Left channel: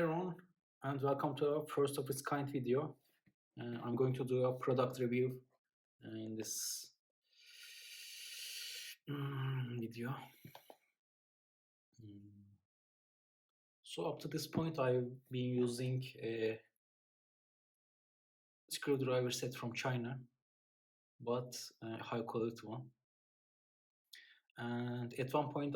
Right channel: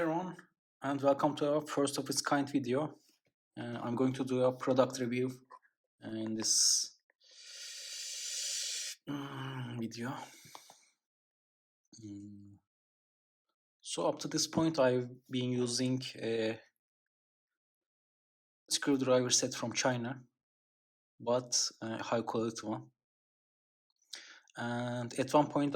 Hi everyone, and welcome to our first of its kind video. I'm going to do a product review in this video. So up to this point I've been using a screwdriver set from China, but a high quality one. And at one point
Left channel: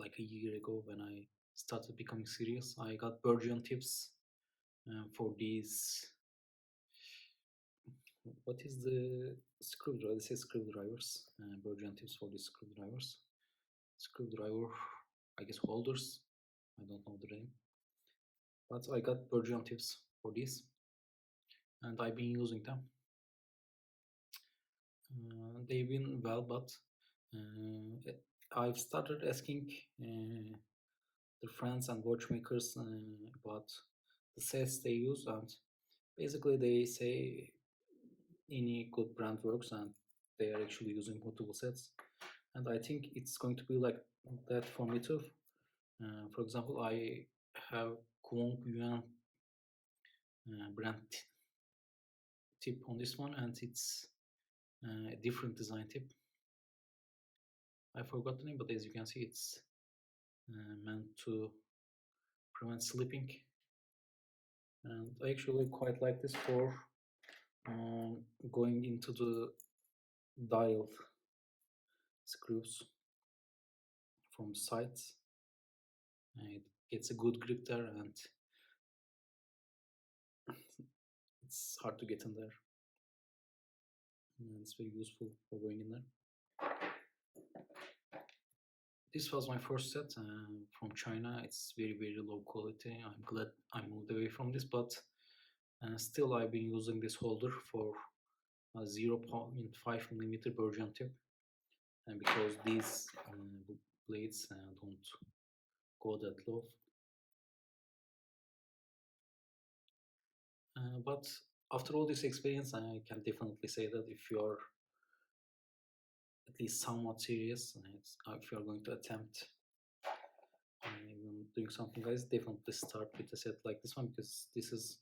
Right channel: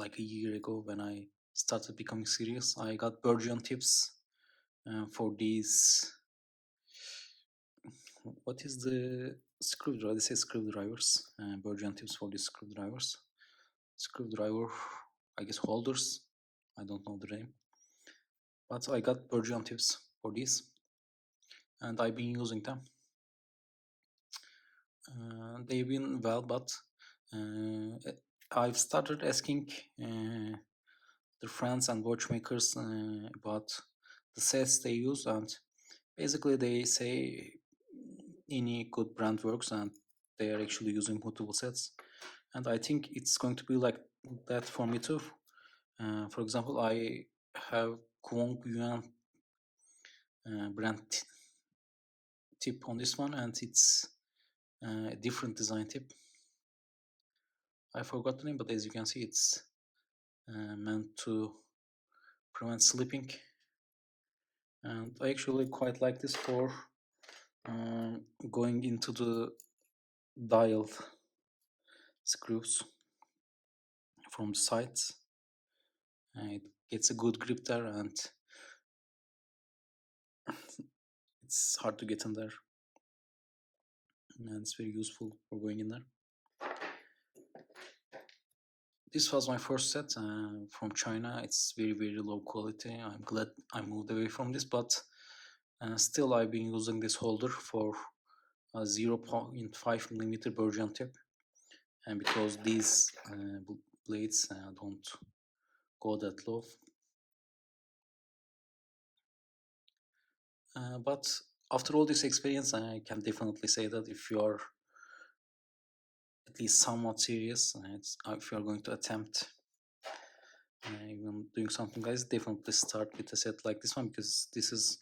like a year ago when I started becoming serious, I got Bergeon tips for these. What is the screwdriver? They say screwdrivers. Bergeon tips for these screwdrivers. Screwdriver, I guess holders. I don't know the name. But I got Bergeon tips for these, and I've been using them. They've been well, but I've started asking the friends and watchmakers about the sets they use, and basically they say any good brand works and they are actually using multiple sets, and I think it's going to be like that for me too. For example, I have Kwong Yuan brand tip on this one, and it's a different design tip. I forgot the name, but as you can see, it's meant to prevent slipping, and I actually quite like this for going into the dial screws from the sides. It gets a good grip there, and it's hard to get in there, and it's very useful for going in there. This was my first set from China. It's very low quality. I'm glad I moved away from this, but still I've been using this holder for a 0.5 millimeter Bergeon tip, and because these blades don't go that low. But after all this experience, I can definitely say that if you are at least somewhat serious, if you are going to attempt even doing something like this, definitely start with a set like this one, because this is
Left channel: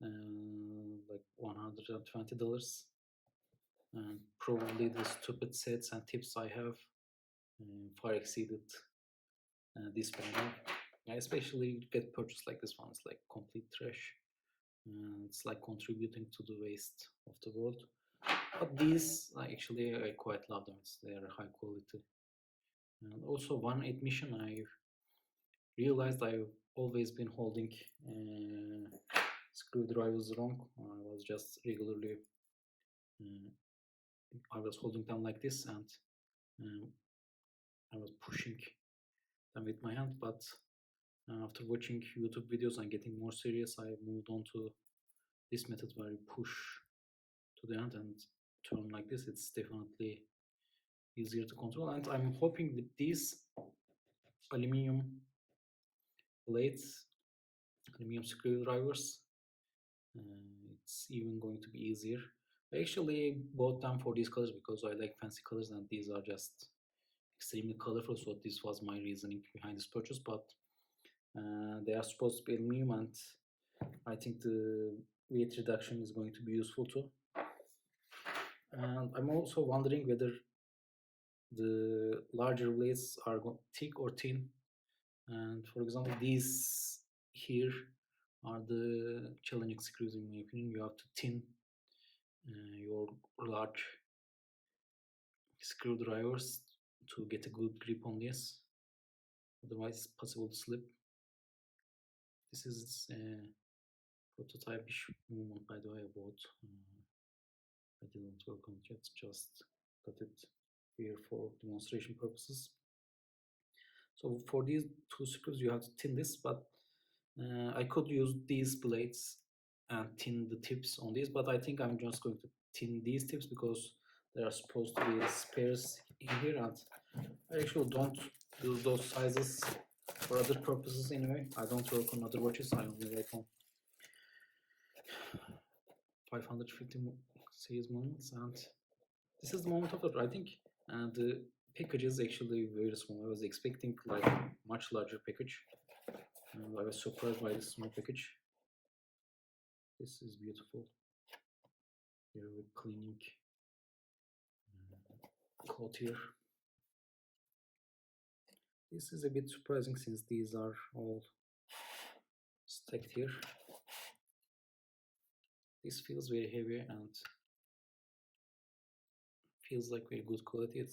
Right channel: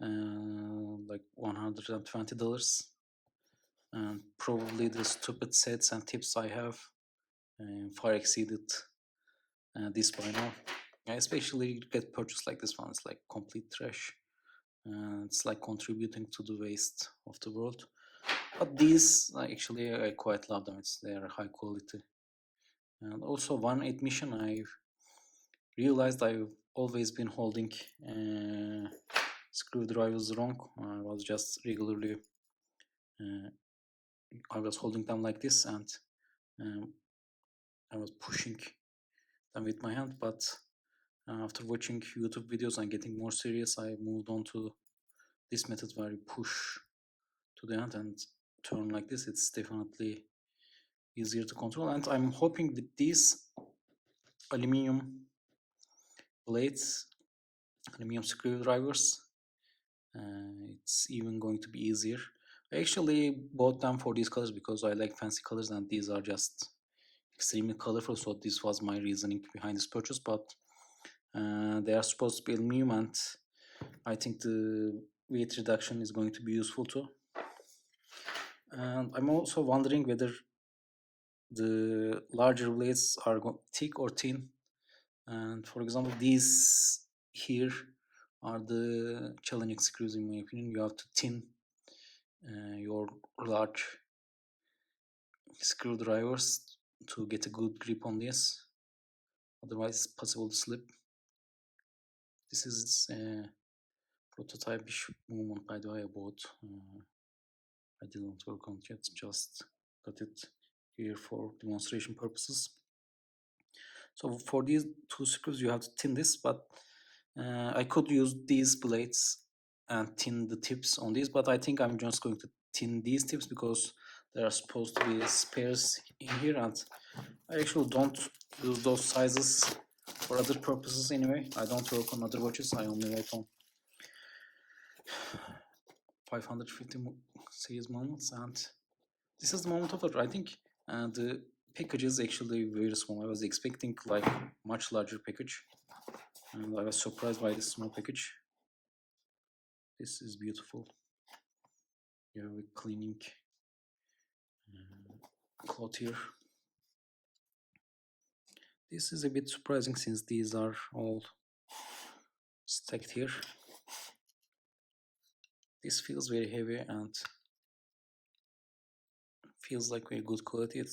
like $120, and probably the stupid sets and tips I have far exceeded this by now. Especially get purchase like this one, it's like complete trash. It's like contributing to the waste of the world. But these actually I quite love them. They are high quality. And also one admission, I realized I've always been holding screwdrivers wrong. I was just regularly I was holding them like this, and I was pushing them with my hand. But after watching YouTube videos and getting more serious, I moved on to this method where you push to the end and turn like this. It's definitely easier to control, and I'm hoping that these aluminum blades, aluminum screwdrivers, it's even going to be easier. I actually bought them for these colors because I like fancy colors, and these are just extremely colorful, so this was my reasoning behind this purchase. But they are supposed to be aluminum, and I think the weight reduction is going to be useful too. And I'm also wondering whether the larger blades are thick or thin. And for example, these here are the challenging screws in my opinion. You have to thin your large screwdrivers to get a good grip on this, otherwise it's possible to slip. This is a prototype-ish movement, by the way. I bought. I didn't work on it yet, just got it here for demonstration purposes. So for these two screws you have to tin this, but I could use these blades and tin the tips on these, but I think I'm just going to tin these tips because there are supposed to be spares in here, and I actually don't use those sizes for other purposes anyway. I don't work on other watches, I only work on 550 series moments, and this is the moment of it. I think the package is actually very small. I was expecting like much larger package, and I was surprised by this small package. This is beautiful. You have a cleaning cloth here. This is a bit surprising since these are all stacked here. This feels very heavy and feels like very good quality. It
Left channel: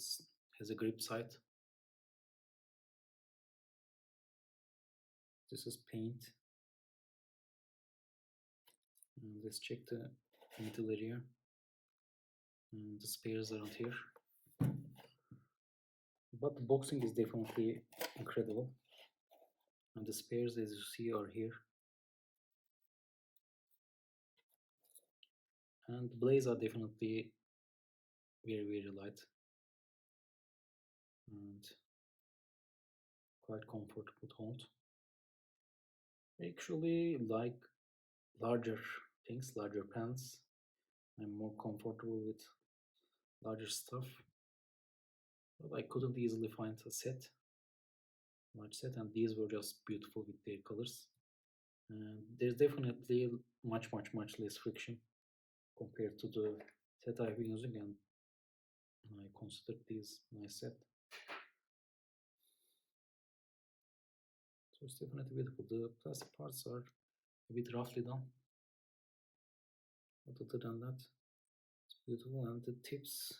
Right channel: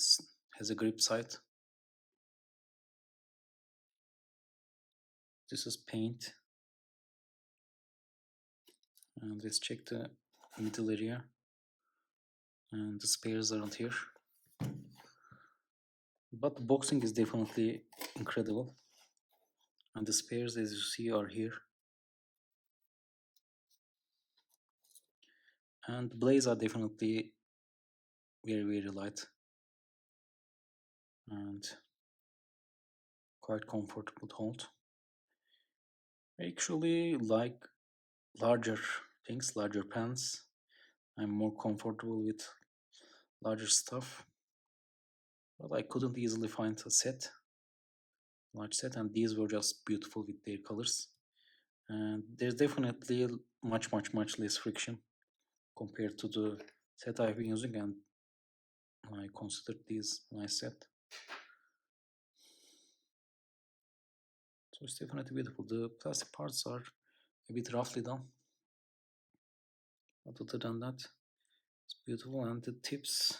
has a grip side. This is paint. And let's check the middle area. And the spares aren't here. But the boxing is definitely incredible. And the spares, as you see, are here. And the blades are definitely very, very light. And quite comfortable to hold. I actually like larger things, larger pens. I'm more comfortable with larger stuff. But I couldn't easily find a large set, and these were just beautiful with their colors. And there's definitely much less friction compared to the set I've been using, and I considered these my set. So it's definitely beautiful. The plastic parts are a bit roughly done, but other than that, it's beautiful. And the tips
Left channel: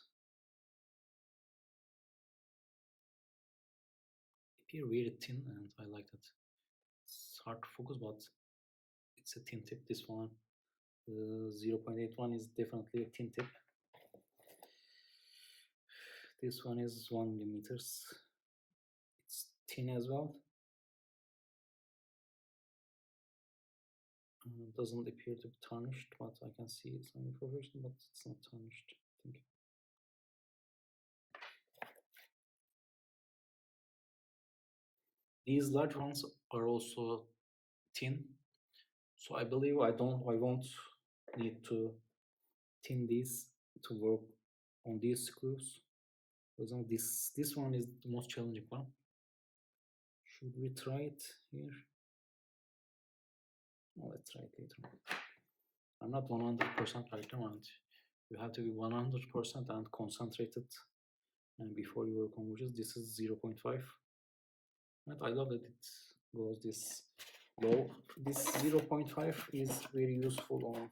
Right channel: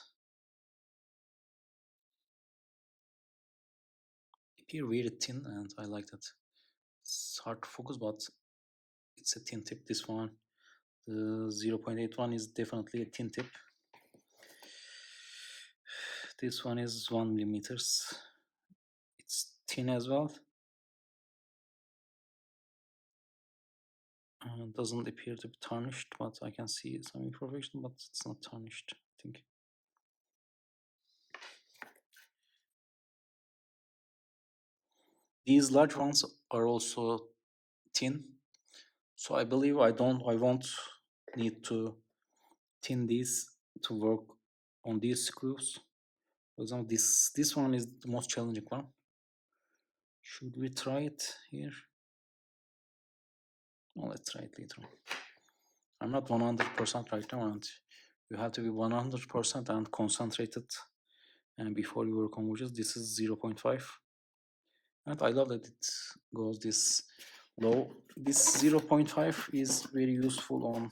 appear very thin, and I like that. It's hard to focus, but it's a thin tip. This one, the 0.81 is definitely a thin tip. This one is 1 millimeters. It's thin as well. Doesn't appear to be tarnished, but I can see some imperfection, but it's not tarnished, I think. These large ones are also thin, so I believe I won't need to tin these to work on these screws. For example, this one is the most challenging one. Should we try it here? No, let's try it later on. I'm not 100% right now, and you have to be 100% and concentrated and before you work on widgets. This is 0.5, and I love that it goes this low. This 0.5 is very useful on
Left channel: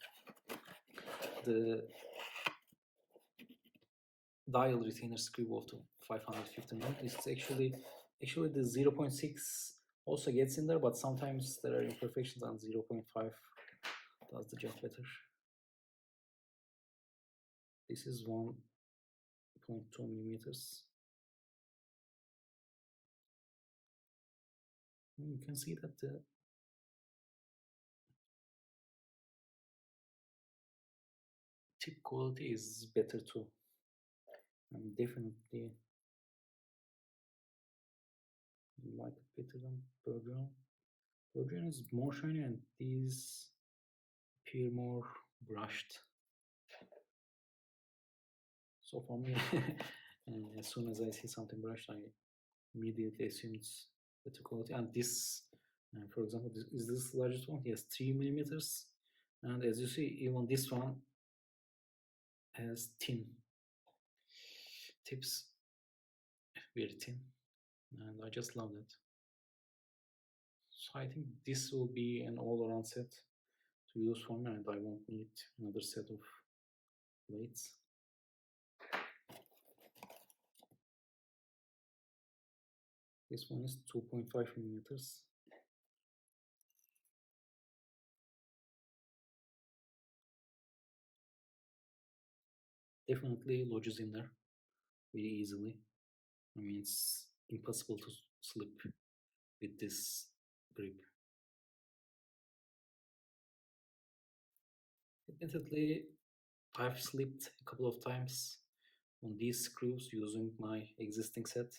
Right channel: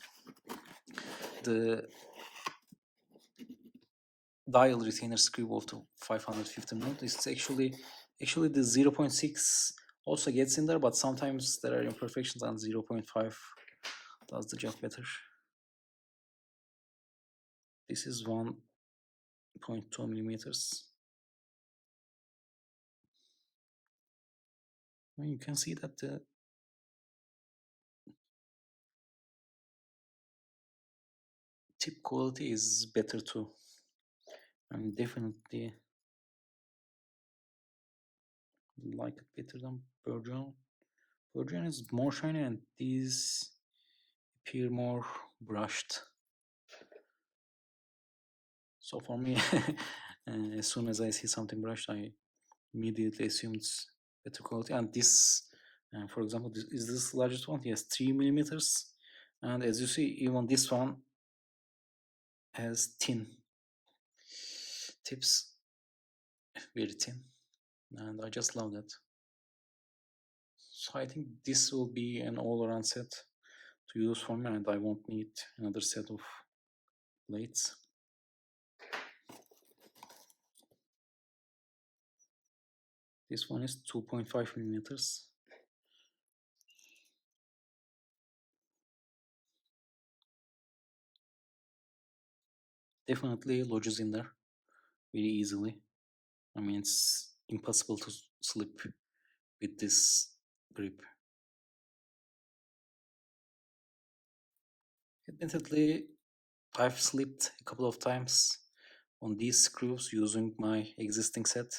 the dial retainer screw of the 550 mode. It's actually the 0.6 also gets in there, but sometimes there are imperfections, and 0.5 does the job better. This is 1.2 millimeters. And you can see that the tip quality is better too. I mean, definitely like it better than Bergeon. Bergeon is more shiny, and these appear more brushed. So for me, as soon as I see something brushed, I immediately assume it's better quality. And this, for example, is this largest one? Yes, 3 millimeters. And as you see, even this one has thin tips, very thin, and I just love that. So I think this will be an all-around set to use for me, and I won't need another set of blades. This one is 2.5 millimeters. Definitely lodges in there very easily. I mean, it's impossible to slip with this grip. Admittedly, I've slipped a couple of times on these screws using my existing set.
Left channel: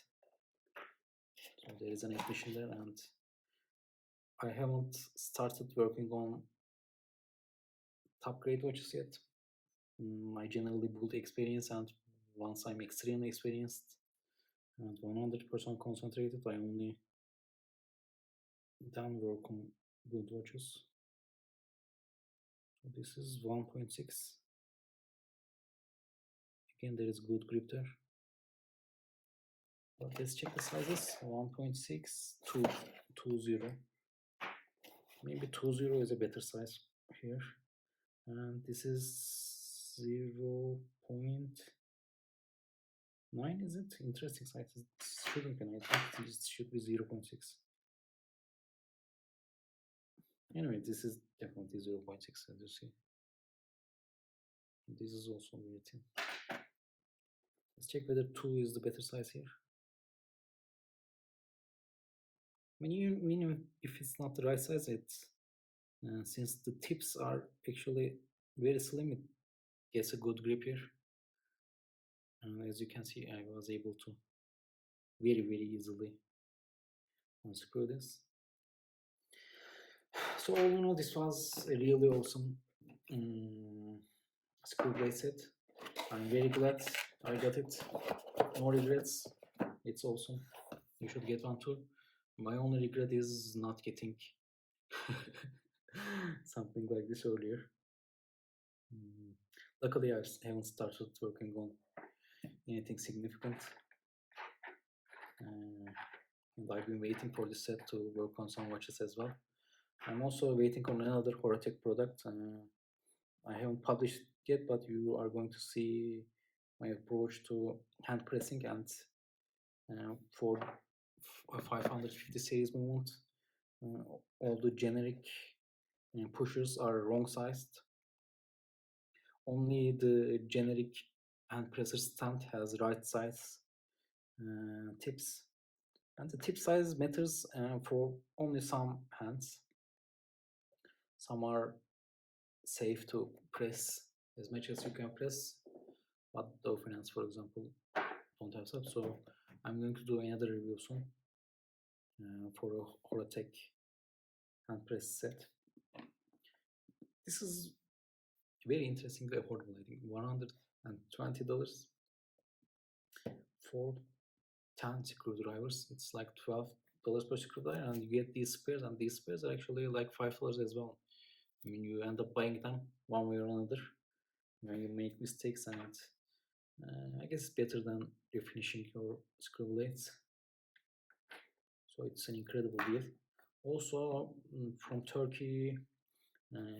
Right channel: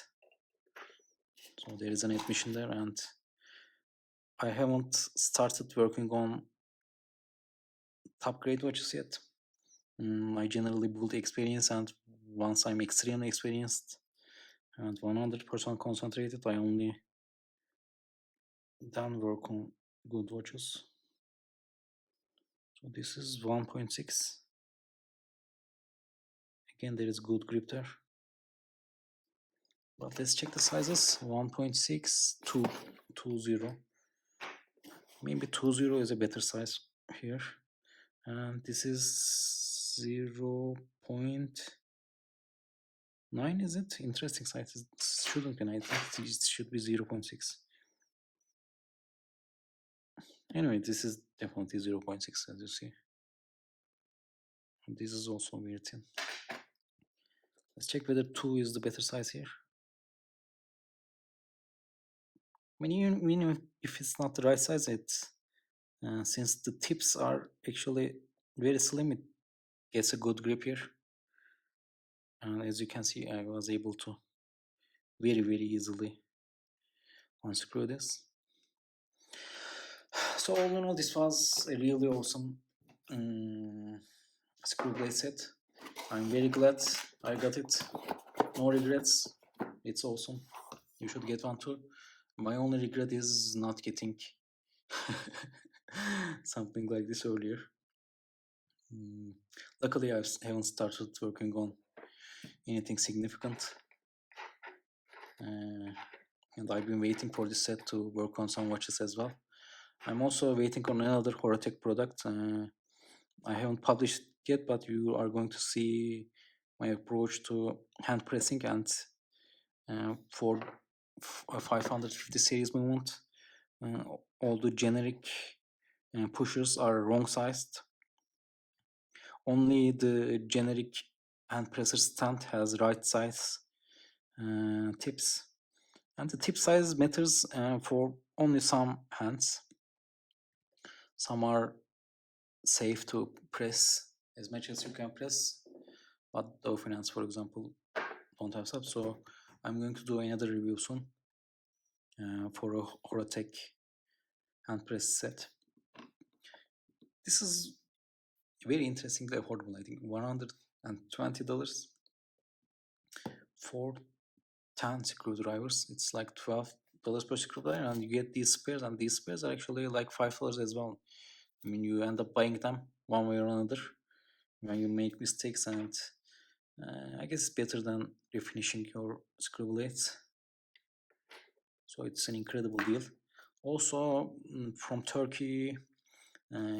So there is an admission there, and I haven't started working on top grade watches yet. I generally build experience, and once I'm extremely experienced, and 100% concentrated. I only done work on good watches. So this is 1.6. Again, there is good grip there. But let's check the sizes. 1.6 to 2.0. Maybe 2.0 is a better size here. And this is 0.9, is it? Interesting size. It shouldn't be 9. It should be 0.6. Anyway, this is definitely 0.6, as you see. And this is also very thin. Let's check whether 2 is the better size here. I mean, even if it's not the right size, since the tips are actually very slim, it gets a good grip here. And as you can see, I was able to very easily unscrew this. So all in all, this was a really awesome screw blade set. I'm very glad I got it. No regrets. It's awesome. You should get one too. My only regret is not getting something like this earlier. Luckily, I haven't started working on anything significant. And I've been waiting for this set to work on some watches as well. I'm also waiting on another Horotec product. I haven't published yet, but you are going to see my approach to hand pressing and for a 550 series movement. All the generic pushers are wrong sized. Only the generic hand presser stand has right size tips, and the tip size matters for only some hands. Some are safe to press as much as you can press, but Dow Finance, for example, don't have stuff. So I'm going to do another review soon for a Horotec hand press set. This is very interestingly affordable. I think $120 for 10 screwdrivers. It's like $12 per screwdriver, and you get these spares, and these spares are actually like $5 as well. I mean, you end up buying them one way or another when you make mistakes, and I guess it's better than refinishing your screw blades. So it's an incredible deal. Also, from Turkey,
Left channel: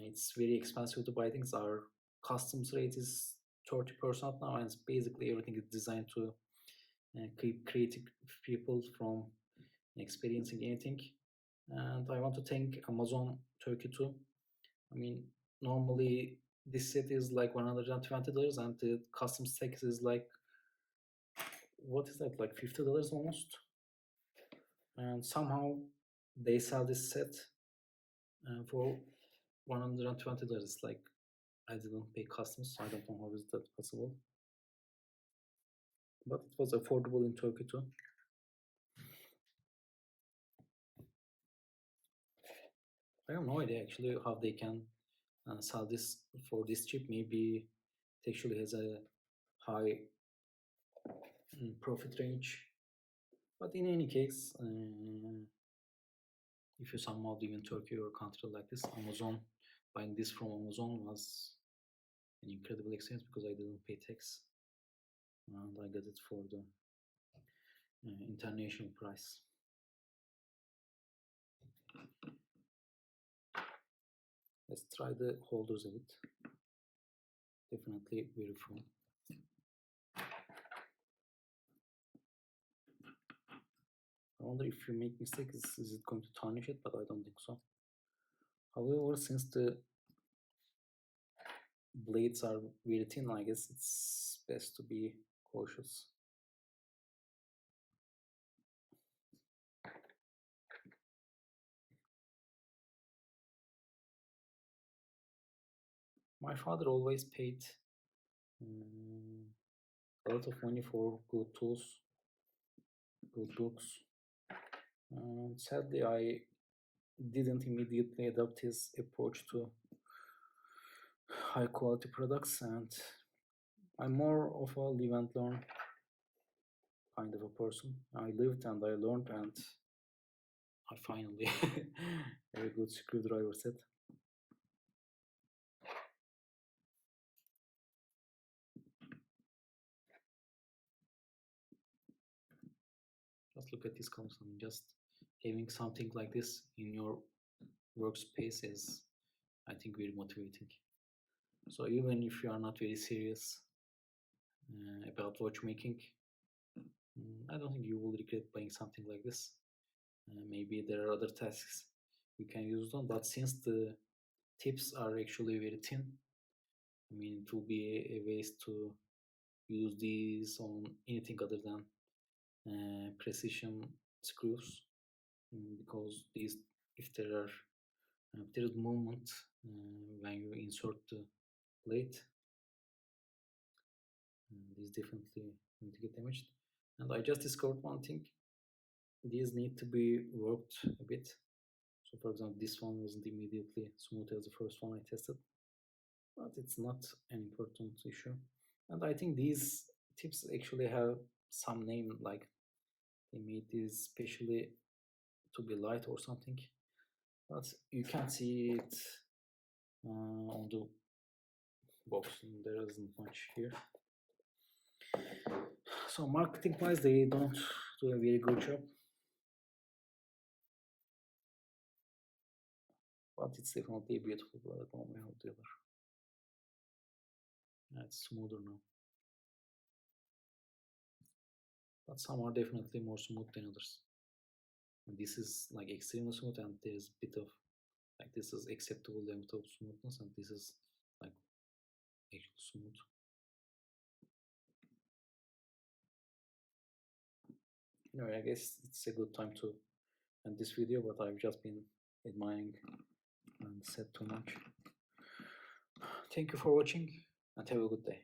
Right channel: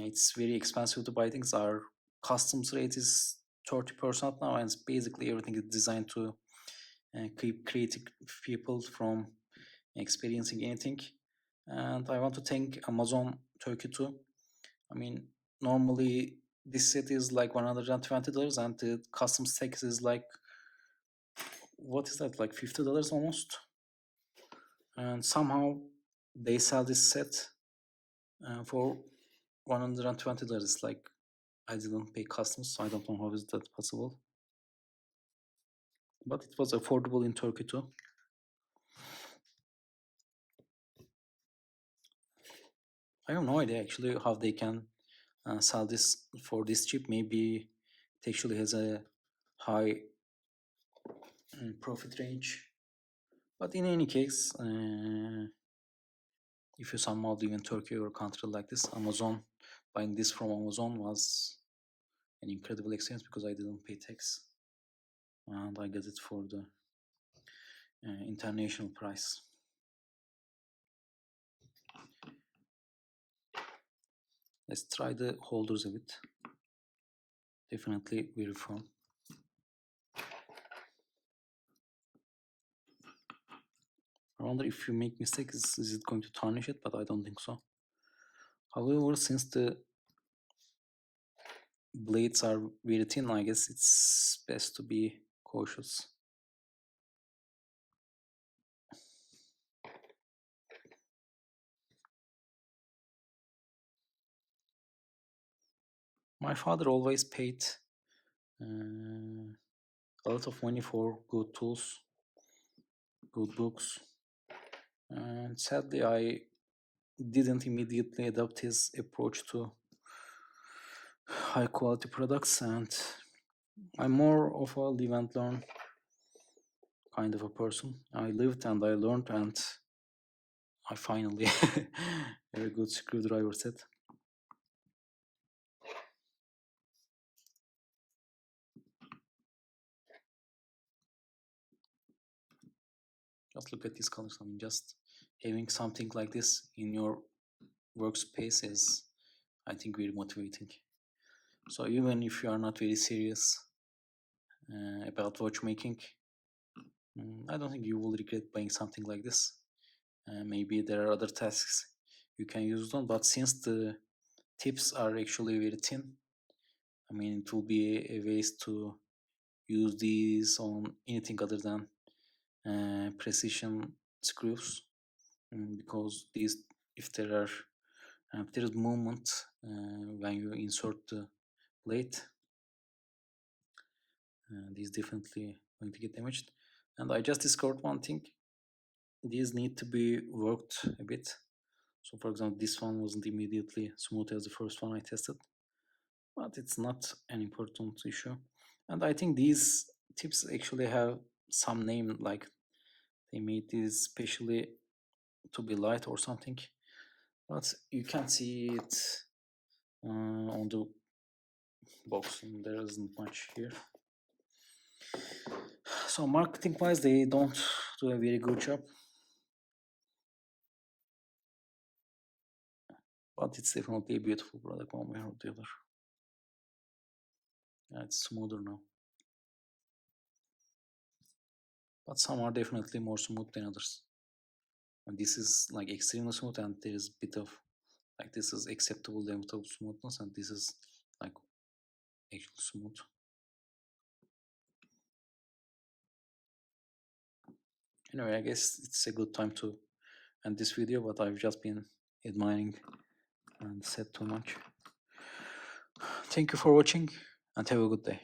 it's very expensive to buy things. Our customs rate is 30% now, and it's basically everything is designed to keep creative people from experiencing anything. And I want to thank Amazon Turkey too. I mean, normally this set is like $120, and the customs tax is like, what is that, like $50 almost. And somehow they sell this set for $120. It's like I didn't pay customs, so I don't know how is that possible. But it was affordable in Turkey too. I have no idea actually how they can sell this for this cheap. Maybe it actually has a high profit range. But in any case, if you somehow live in Turkey or a country like this, buying this from Amazon was an incredible experience because I didn't pay tax, and I got it for the international price. Let's try the holders a bit. Definitely very firm. I wonder if you make mistakes, is it going to tarnish it? But I don't think so. However, since the blades are very thin, I guess it's best to be cautious. My father always paid a lot of money for good tools, good books, and sadly I didn't immediately adopt his approach to high quality products, and I'm more of a live and learn kind of a person. I lived and I learned, and I finally have a good screwdriver set. Just look at these colors. I mean, just having something like this in your workspace is, I think, very motivating. So even if you are not very serious about watchmaking, I don't think you will regret buying something like this. Maybe there are other tasks you can use it on, but since the tips are actually very thin, I mean, it will be a waste to use these on anything other than precision screws, because these, if there are if there is movement when you insert the plate, these definitely going to get damaged. And I just discovered one thing: these need to be worked a bit. So for example, this one wasn't immediately smooth as the first one I tested, but it's not an important issue. And I think these tips actually have some name, like they made these specially to be light or something, but you can't see it on the box, and there isn't much here. So marketing wise, they don't do a very good job, but it's definitely a beautiful product one way or the other. Yeah, it's smoother now, but some are definitely more smooth than others. And this is like extremely smooth, and there is a bit of, like, this is acceptable level of smoothness, and this is like actually smooth. Anyway, I guess it's a good time to end this video, but I've just been admiring and said too much. Thank you for watching, and have a good day.